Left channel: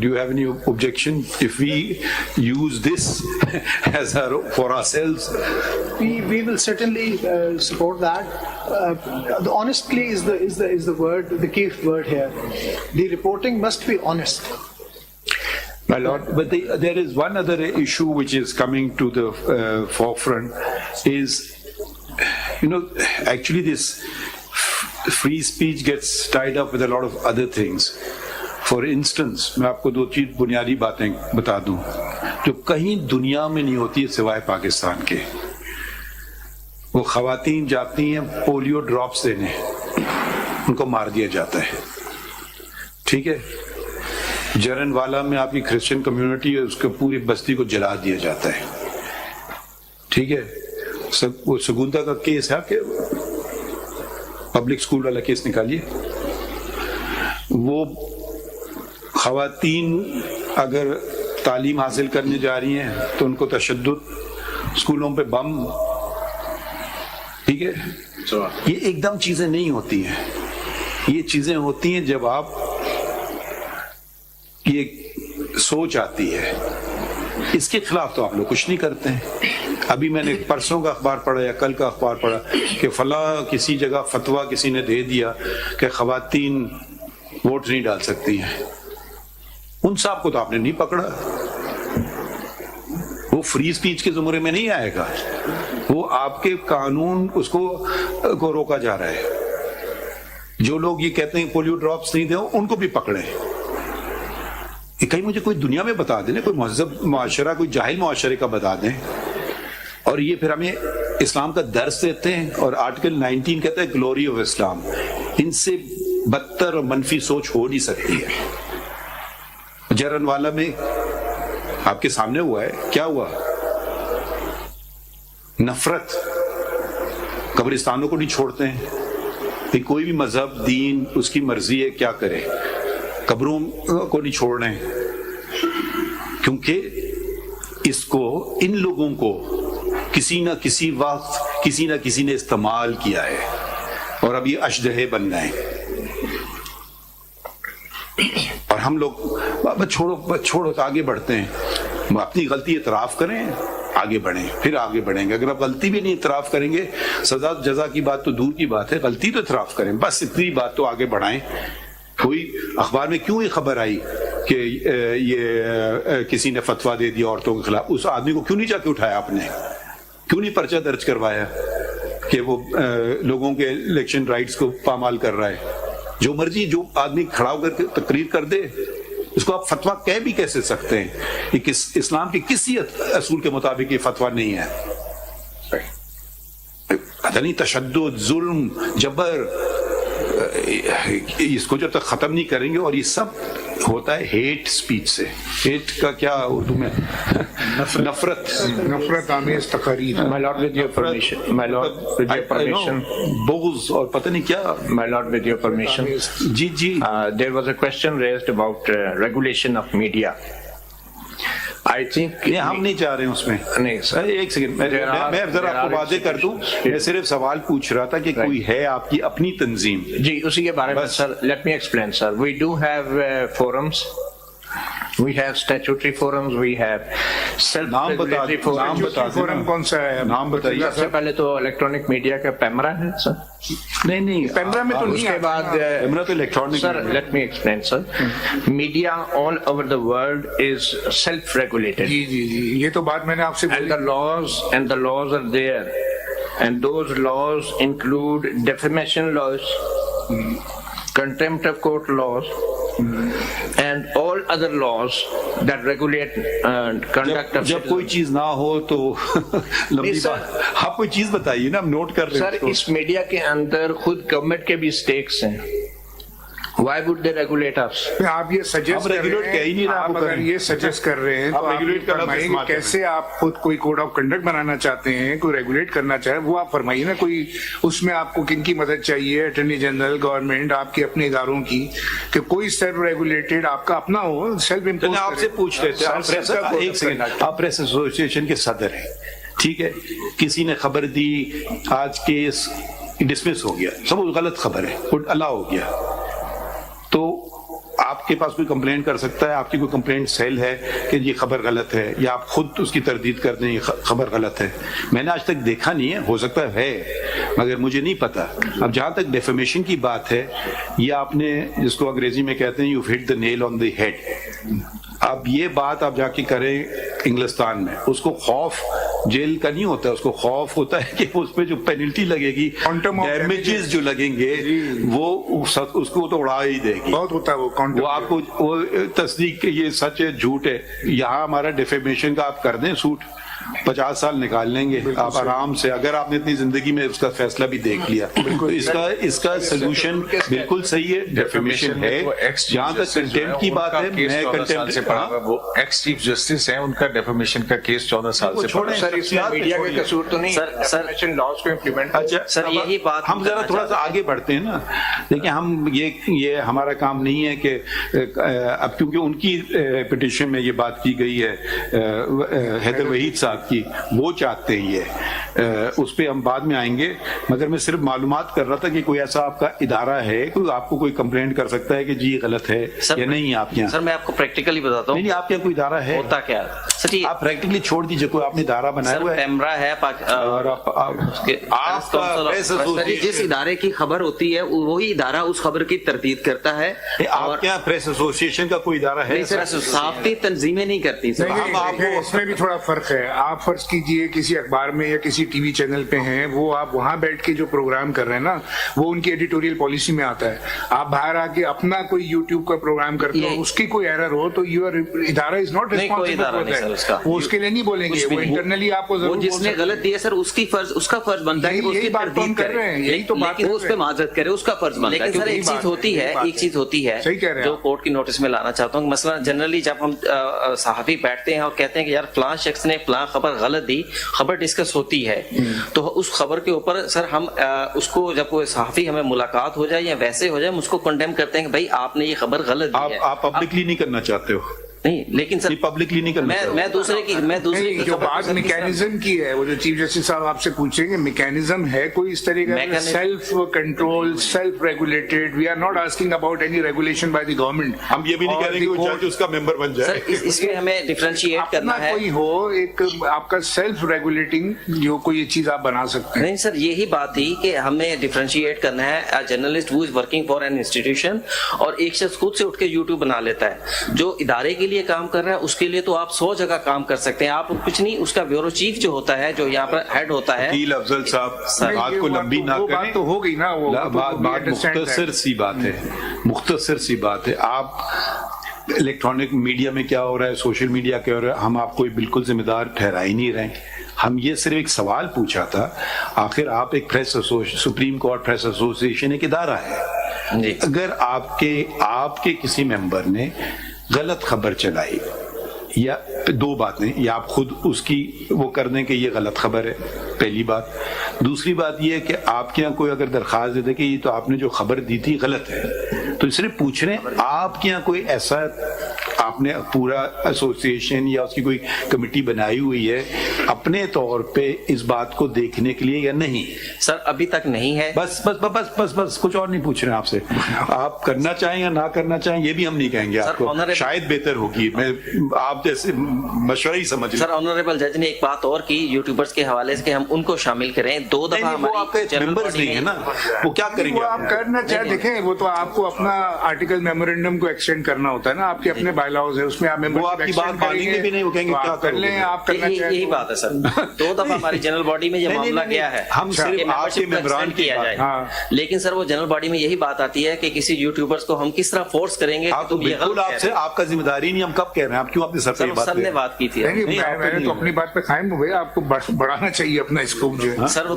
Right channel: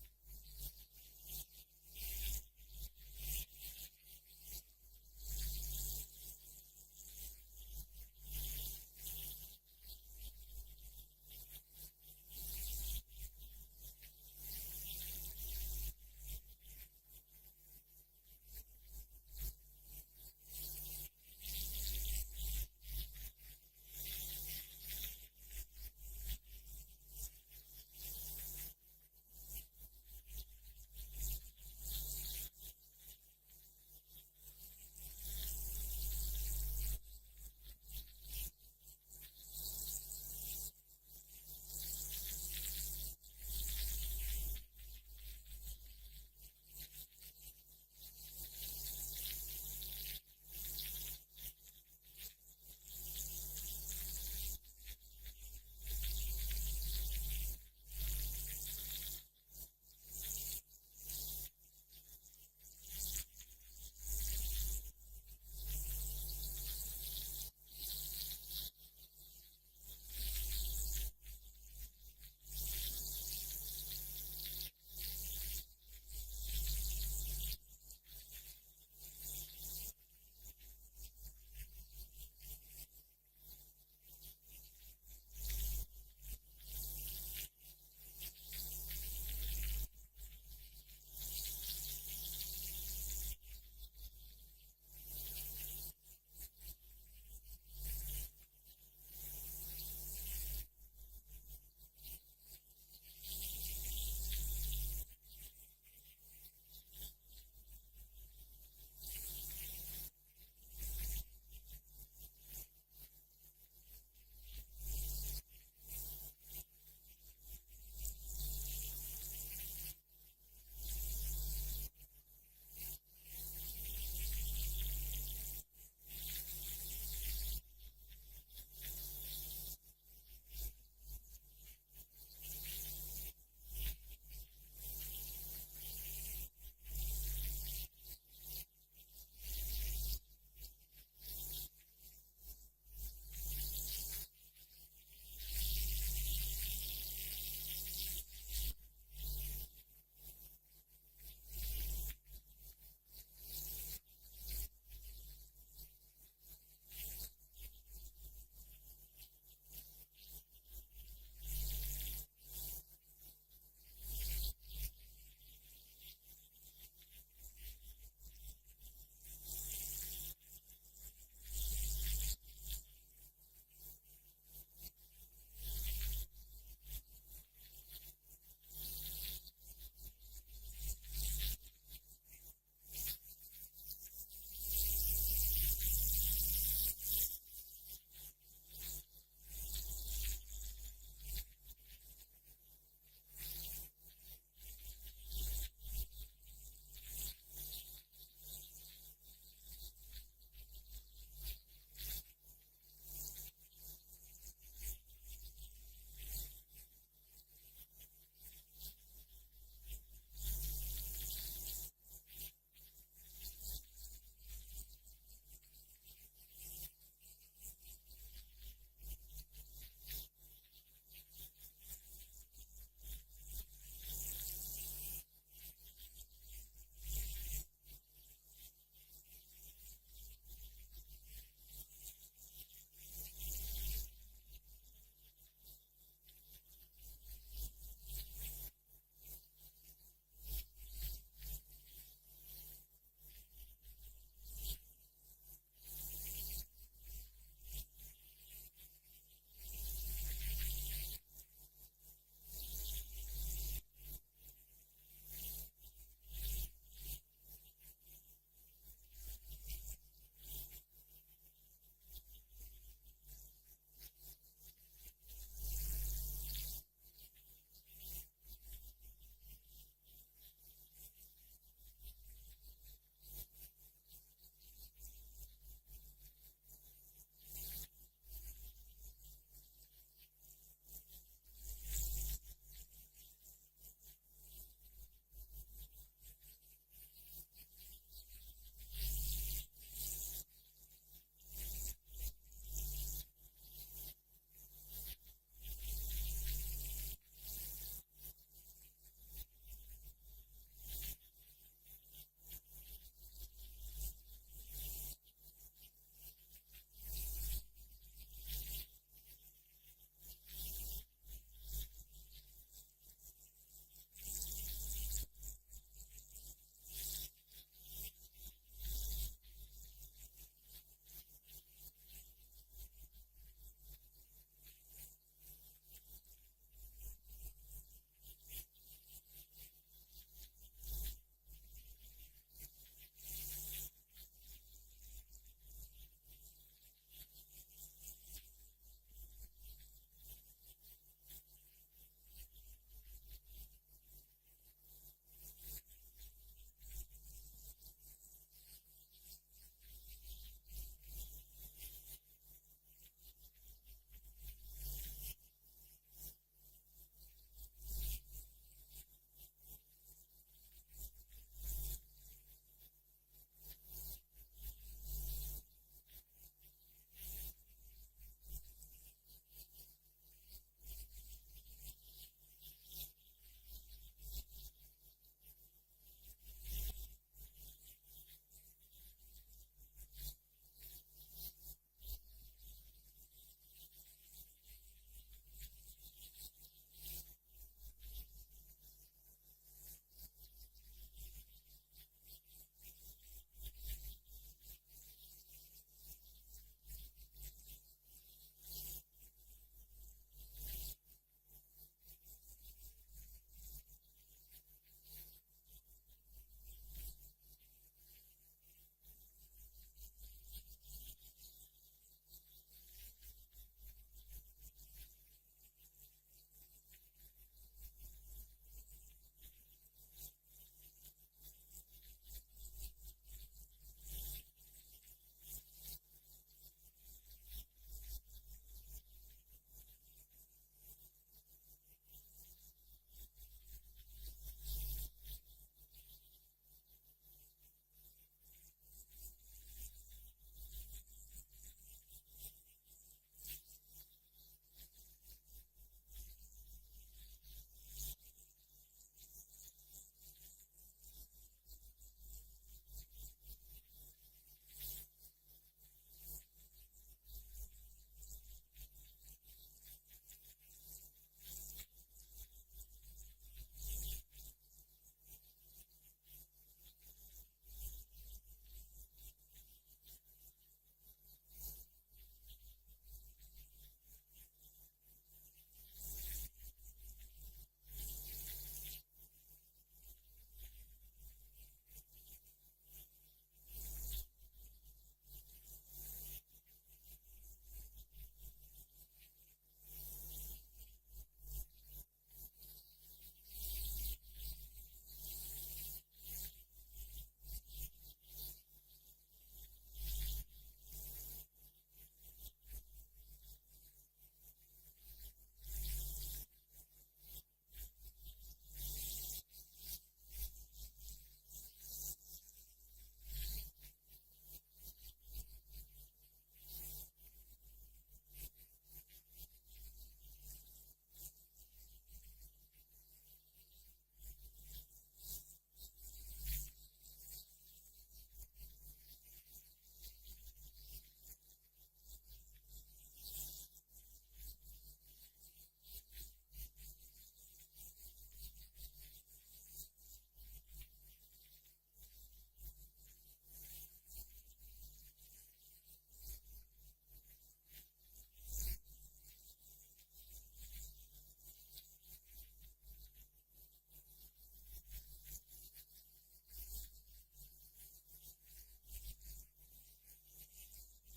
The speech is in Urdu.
do you have any objection if we use this as for ourselves? We will certainly support that. The honestly is the word, the key word here. The reporting must be honest. My Lord, but there is one other issue which is coming to the forefront is, actually this free speech gets tied up with a lot of other things. For instance, میں آپ کو 2 چیز بنیادی باتیں بتا دوں جو کہیں دنیا میں نہیں ہوتی ہے سوائے پاکستان کے. وہ خواتین جاتی ہیں پولیو ڈراپس دینے, ان کو مار دیا جاتا ہے. ٹھیک ہے, جرن والا میں آپ کی کرسچن کمیونٹی ہے, اس کو پوری بستی کو جلا دیا جاتا ہے. ٹھیک ہے, وہ سگونتا کا کیس ہے کہ پبلک اسکول والا کیس نکالیے. وہ خواتین اگر تعلیم حاصل کرنے جا رہی ہیں تو ان کو تشدد, اسکولوں پہ بم. ٹھیک ہے, یہ ایک دم چیزیں نہیں ہوتی ہیں. یہ چیزیں ہوتی ہیں جب آپ یہ سوچ آتی ہے. اس کے خلاف تو آپ لوگ کچھ نہیں کرتے ہیں. ابھی میں نے پرسوں کا اخبار پڑھا یا کل کا اخبار پڑھا کہ فلاں کسی جگہ فتویٰ کسی نے دے دیا کہ خواتین ووٹ نہیں ڈال سکتی ہیں. ان صاحب کو تو آپ نے نہیں پکڑا. وہ فری اسپیچ کے زمرے میں نہیں آئے گا. وہ آپ کے قانون اس کو روکا جا رہا ہے. جو لوگ یہ کہتے ہیں پولیو ڈراپس نہیں دیں ان کو بھی پکڑے. کہیں مجھے کوئی دنیا میں بتا دیں, کوئی مہذب معاشرہ, کوئی جاہل معاشرے کا بتا دیں. اور یہ پھر ہمیں اسلام کا درس دیتے ہیں, اور آرٹیکل 19 کہتا ہے گلوری آف اسلام. ان سے بدتر اور منفی سوچ ہو نہیں سکتی ہے. جرن والا میں آپ کے سامنے ہوا ہے, کیا ہوا؟ نفرت. قبرستانوں کو نہیں چھوڑتے ہیں کہ کوئی بھی مذہب دین اس کی مرضی ہے کیا کرے. قبروں کو نہیں چھوڑ رہے ہیں کیونکہ اس کو, ان لوگوں کو کسی نہ کسی وقت کسی نہ کسی نے استعمال کیا ہے اور اب یہ اشدہے بن گئے. اور ہم لوگ چھوڑو آگے بڑھتے ہیں. اپنی غلطی اعتراف کریں, آگے بڑھیں, پھر آگے بڑھیں گے. اگر آپ غلطی بھی نہیں اعتراف کریں گے, سزا جزا کی بات تو دور کی بات ہے, غلطی تو اعتراف کریں, بس اتنی بات تو آگے بڑھائیں. کوئی اخبار میں کیوں یہ خبر آئی کہ یہ کسی نے فتویٰ دے دیا عورتوں کے خلاف, اس آدمی کو کیوں نہیں جا کے اٹھایا آپ نے؟ کیوں نہیں پرچہ درج کروایا کہ وہ لوگوں کے الیکشن رائٹس کو پامال کر رہا ہے؟ جو مرضی جو آدمی کھڑا ہو کر کے تقریر کر دے, اس کو آپ فتویٰ کہہ بھی کیسے سکتے ہیں؟ یہ اسلام کے کسی اصول کے مطابق یہ فتویٰ نہیں ہے. پتہ نہیں تشدد, ظلم, جبر, اس کو جب تک ختم نہیں کریں گے, اور یہ سب ہوتا ہے ہیٹ سپیچ سے. ہیٹ کا کیا اردو میں؟ نفرت آمیز تقاریر. My Lord, with your permission. My Lord, with your permission. بغض اور پتہ نہیں کیا. My Lord, with your permission. G. There was a question raised about regulation of media. I think ہم نہیں چاہ رہے ہیں اس میں. نہیں سر, ایک سیکنڈ, میں ذرا آپ کو واضح کر دوں. میں صرف سوال پوچھ رہا تھا کہ کوئی ہے آپ کی اپنی تنظیم؟ جی اسی کے بارے میں سر. Let me explain sir. We do have forums. We have statutory forums. We have self-regulatory forums. Forum کون سا ہے؟ نام بتائیے. سب سے پہلے تو الیکٹرانک میڈیا کا پیمرا ہے سر. نہیں پیمرا میں تو نہیں. اس کے بعد پیمرا تو electronic. Sir let me explain sir. Media all over the world is self-regulated. جی یہ تو بات میں نے آپ سے And the laws are there. And those laws include defamation laws, contempt of court laws, and all other laws that regulate conduct of. جب کوئی چیز نہ ہو تو لمبی بات. آپ کوئی چیز بتائیے نا, ہم نوٹ کر رہے ہیں. سر اس میڈیا کے اندر خود گورنمنٹ کے بھی سٹیکس ہیں. Why would they regulate us? آپ یہ سجیسٹ کر رہے ہیں, آپ اگر یہ سجیسٹ کر رہے ہیں تو آپ فرمائیے کہ کیسے آپ خود کوئی کوڈ آف کنڈکٹ بنانا چاہتے ہیں, کوئی ریگولیٹ کرنا چاہے, وہ آپ فرمائیے نا. کوئی اس میں آپ کو کن کی مدد چاہیے, اٹارنی جنرل, گورنمنٹ, آپ کے اپنے اداروں کی, کہ کوئی سیلف ریگولیٹڈ آپ کا اپنا ہو, سیلف امپوز. آپ سے پوچھ لیتے ہیں, ایک سیکنڈ, آپ پریس ایسوسی کے صدر ہیں, ٹھیک ہے, کسی نے خبر دی آج کیس ڈسمس ہو گیا, سب غلط خبر ہے, اللہ ہو گیا, تو آپ کے پاس کوئی کمپلینٹ کر سکتا ہے, آپ کی کوئی کمپلینٹ سیل ہے کہ یہ خبر غلط ہے, یا آپ خود اس کی تردید کر دیں یہ خبر غلط ہے. میں نے آج تک دیکھا نہیں ہے, ہو سکتا ہے مگر مجھے نہیں پتا. اب جہاں تک ڈیفیمیشن کی بات ہے, یہ آپ نے جس کو انگریزی میں کہتے ہیں you hit the Nile on the head. اب یہ بات آپ جا کے کریں انگلستان میں, اس کو خوف جیل کا نہیں ہوتا, اس کو خوف ہوتا ہے کہ اس پہ جو پینلٹی لگے گی, ڈیمیجز جو لگیں گے وہ اس کو تو اڑا ہی دے گی. بہت ہوتا ہے وہ آپ کو وہ تصدیق کہ یہ سچ ہے جھوٹ ہے. یہاں ہمارا ڈیفیمیشن کا آپ کر دیں سوٹ, 50 سال نکال لیں گے آپ آرام سے, اگر آپ نے اتنی زندگی میں اس کا فیصلہ بھی دیکھ لیا. تو اس کا سلوشن بالکل صحیح ہے, ڈیفیمیشن ہے. جہاں تک کنٹینٹ کی بات ہے, میں کنٹینٹ سے پڑھا, وہ ایکس چیف جسٹس ہیں, ان کا ڈیفیمیشن کا کیس 14 سال سے پڑا. سر اس میں میڈیا کا قصور تو نہیں, ڈیفیمیشن لاز کو امپلیمنٹ. اچھا سر یہی بات ہم ذرا تھوڑا سا آگے بڑھتے ہیں نا. دیکھیں ہم یہ ہمارا کام نہیں ہے کہ اب کیونکہ ان کی پٹیشن میں یہ بات کی گئی ہے حیدر وحید صاحب کی, وہ چاہتے ہیں یہ, اس پہ ہم بعد میں آئیں گے. مگر میں صرف معلومات کر رہا تھا کہ کوئی ایسا آپ کا ادارہ ہے, کوئی آپ کو کوئی کمپلینٹ کر سکتا ہے کہ جی غلط ہے یا نہیں آپ کے یہاں. سر میں آپ کو پریکٹیکلی بتاتا ہوں, نہیں آپ کے کوئی ادارہ ہے, ہوتا کیا سر, آپ پریکٹیکلی چھوڑ دیجیے, کوئی آپ نے ادارہ بنایا ہوا ہے پیمرا ہے اور آپ کا جس ادارے کی خبر ہوتی ہے وہی ادارہ اس خبر کی تردید کرتا ہے. آپ کے یہاں پریس ایسوسیشن کا کوئی ادارہ ہے؟ صحافتی تنظیمیں نہیں کرتی سر. اس میں بھی تھوڑا فرق ہے. آپ فرض کیجئے کسی اخبار میں یا کسی ٹی وی چینل پہ ہیں, وہ آپ وہاں بیٹھ کے جو پروگرام کر رہے ہیں نا, وہ ان کی ایڈیٹوریل پالیسی میں آتا ہے. آپ باہر آ کے اپنا کوئی یوٹیوب کا پروگرام کرتے ہو, اس کی کوئی ایرر ہو تو یور ادارہ از ناٹ ریسپانسبل. وہ اس کے لیے نہیں بولیں گے, وہ انٹرنلی آپ کو وہ جس نے غلط دیا سر اس کا فرض بنتا ہے کہ اس کی تردید کرے, لیکن اس پہ معذرت کرے, اس کا فرض بنتا ہے. لیکن سر ایک چیز ہوتی ہے جو کورٹ کی نوٹس میں لانا چاہتا ہوں. مثلا جنرلی جب ہم صحافی بیٹھتے ہیں اور کہتے ہیں کہ یار فلاں شخص نے فلاں خبر غلط دی, خبر ڈسکس ہوتی ہے, تو اس خبر کے اوپر سر ہم اس کو جب کوئی صحافی ہمیں ملاقات ہو جائے یا ویسے ہو جائے, ہم اس کو کنڈیم کرتے ہیں کہ بھائی آپ نے یہ خبر غلط دی ہے. آپ پبلکلی نہیں کرنا چاہتے ہو؟ نہیں, لیکن سر پبلکلی نہیں کرنا. میں دوسرے کی جو بات میکینزم کی ہے, وہ جو چیف جسٹس صاحب آپ سے پوچھیں گے میکینزم ہے کوئی اس طرح کا self control, self regulated. We are not asking about any regulation by the government. ہم یہ بھی نہیں کہہ رہے کہ وہ جج اس کا ممبر بن جائے. سر اس میں ہمیں ڈفرینشیٹ کرنا ہے. کوئی ہو ایک آپ کا سیلف ریگولیٹنگ جو کوئی یہ چیز آپ بنا سکتے ہیں. نہیں سر, یہی بات تھی کہ ہمیں ڈفرینشیٹ کرنا ہے. Journalist who is working for an institution, اور ایک شخص خود سے اٹھ کے یوٹیوب بنا لیتا ہے. جو ادارے کے لیے کام کر رہا ہے اس کے لیے تو آپ 100 جگہ کام کر سکتے ہیں. آپ کچھ نہیں, اس کا بیورو چیف جو ہوتا ہے, جو یہاں پر ہیڈ ہوتا ہے. وکیل افضل صاحب بات کو لمبی نہ کریں, بات تو ہو گئی نا, وہ بات مختصر سی بات ہے, مختصر سی بات ہے. آپ الیکٹرانک میڈیا میں کیا ہو رہا ہے, سوشل میڈیا کیا ہو رہا ہے, ہم آپ کو بالکل ذمہ دار ٹھہرا ہی نہیں رہے. ہم یہ صرف ایک سوال پوچھا تھا, آخر آپ ایک سپریم کورٹ پریس ایسوسیشن ایک ادارہ ہے, اگر آپ کے کسی ممبر نے غلط خبر چلائی, یا دو باتیں, یا آپ خود اس کی وہ کر دیں کہ یہ غلط خبر ہے, پہلی بات. دوسری بات یہ ہے کہ آپ کے یہاں کوئی اگر درخواست دے دے کہ یہ تو آپ نے جو خبر دی تھی غلط ہے, تو صرف پوچھ رہے ہیں آپ کے یہاں کوئی ایسا آپ نے پورا ایسوسیشن یا اس کی کوئی کمیٹی بنائی ہوئی ہے اپنے طور پہ اس بات کو دیکھنے کے لیے یا نہیں؟ سر ابھی تک نہیں ہے. بس بس بس بس بس کچھ اور نہیں پوچھ رہے ہیں آپ سے. آپ کرنا چاہیں یا نہ کرنا چاہیں یہ بھی ہم نہیں کہیں گے آپ کو, شاید بہتر ہوگی. میں آپ جیسے مشورہ ہی سمجھ. سر آنریبل جج نے ایک بات اور کی یوٹیوبرز کے حوالے سے کہ ہم ان کو شامل کریں. 2 دفعہ وہ آپ کے ممبرز نہیں ہے نا, وہ کیا کریں گے؟ وہ آپ کرنا چاہیں دیکھیں, وہ تو آپ کو اپنا آرٹیکل میمورینڈم کو ایکسٹینڈ کرنا ہوتا ہے نا, آپ کے اپنے بائی لاز ہیں, اس میں آپ وہ آپ کی بات مانیں گے بھی نہیں, وہ کہیں گے کیا کر لیں آپ کرنا چاہیں. یہی بات ہے سر, 2 دفعہ ہماری جنرل باڈی میں یہ معاملہ کیا ہے, ہم صرف آپ کے ممبران کیا جائے. لیکن سر وہ جنرل باڈی میں یہی بات آتی ہے کہ کسی یوٹیوبرز کو ہم کس طرح فورس کریں گے. تو بالکل آپ کا ذمہ داری نہیں, ہم کب کہہ رہے ہیں, آپ کیوں اپنے سر نے بات کی تھی. میں نے تو اپنی بات پہ قائم ہو گئے, آپ کو بڑھانا چاہیے اپنا اسکوپ جو ہے. سر